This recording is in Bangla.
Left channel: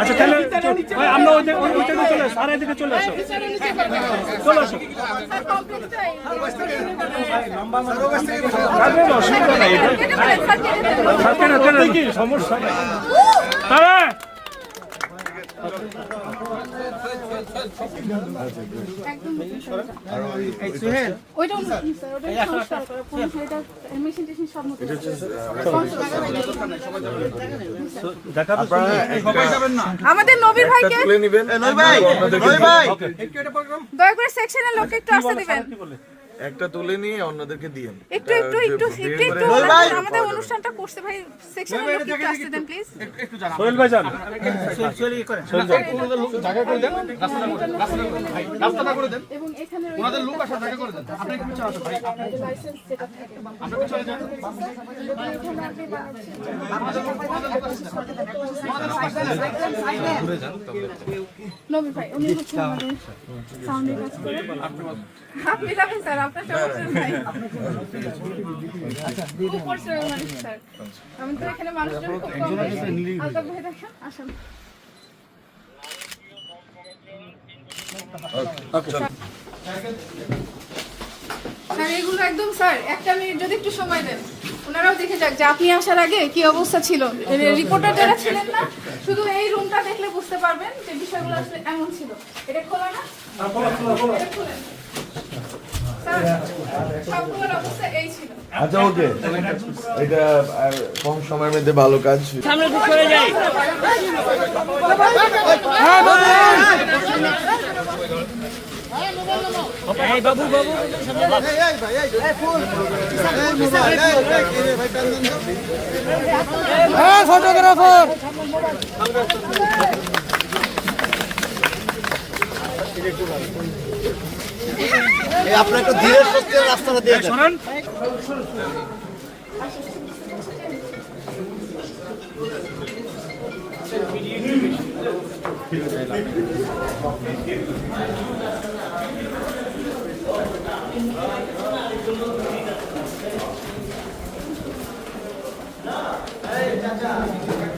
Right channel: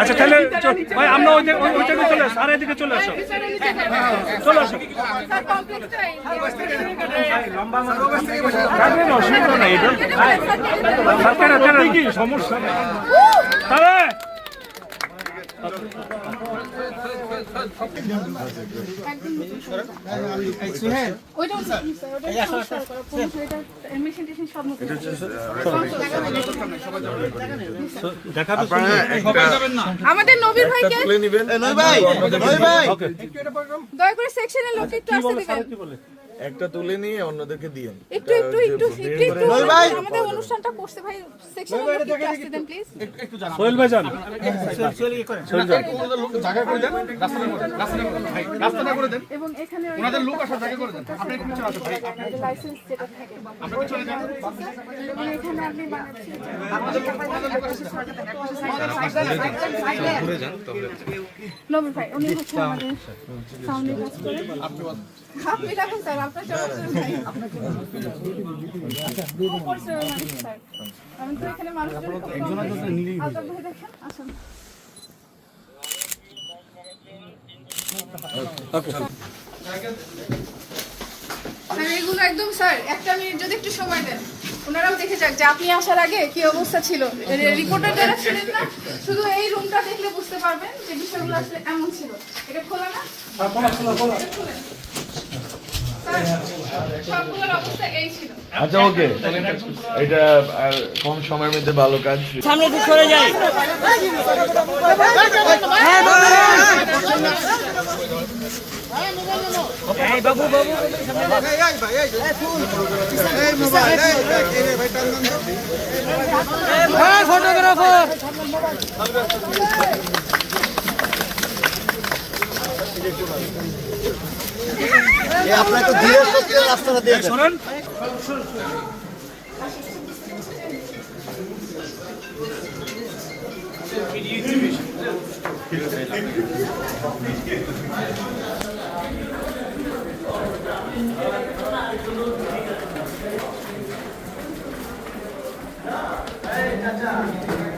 আচ্ছা তাহলে ভাই আমরা ওই ওই সাইডে চলে আসো। আর এদিকে চলে আসো। চলে আসো। অসুবিধা নাই কেন, কেন, সমস্যা নেই। আমাদের নবীর একটা ভাইকে। দয়া করে সেকশনের লোককে একটু আসতে দিবেন। একটা তুলে নিয়ে অন্যদেরকে দিয়েন একটু একটু একটু একটু একটু আমাদের অনুষ্ঠানটা করছে ভাই সেকশনের লোককে একটু আসতে দেন প্লিজ সোহেল ভাই যান এবং এখানে ওনাদের লোক আসার জায়গা করে দেন। আপনি আপনাদের লাইসেন্স যেটা থাকে এবং এখানে আপনি নবীর ভাই উনি হচ্ছে আমাদের সাউন্ডের কাজ করে আপনি রাখেন স্যার আপনার সমস্যা নাই খুব পরিশ্রম মানুষ, স্যার আমি তো এখানে মানুষজন খুব কম দেখি। আলতাফ ভাই দেখেন আসুন স্যার এগুলো একদম স্যার একটা মিনিট যদি একটু সময় দেন। ওনারাও দেখে যাক যে আপনি আসার আগে কি অবস্থা ছিল। রিপোর্টার যারা ছিলেন না শুধু এই রুমটা দেখলে বুঝতে পারবেন যে বিষয়গুলো আসলে এমন ছিল। এটা খোলা না স্যার, সবগুলোর অবস্থা এই ছিল আচ্ছা ওকে এটা কম সময়ের মধ্যে ভালো কাজ আপনাকে ধীরে সত্যের রাস্তাটা দিয়ে শোনেন Hey, Chacha.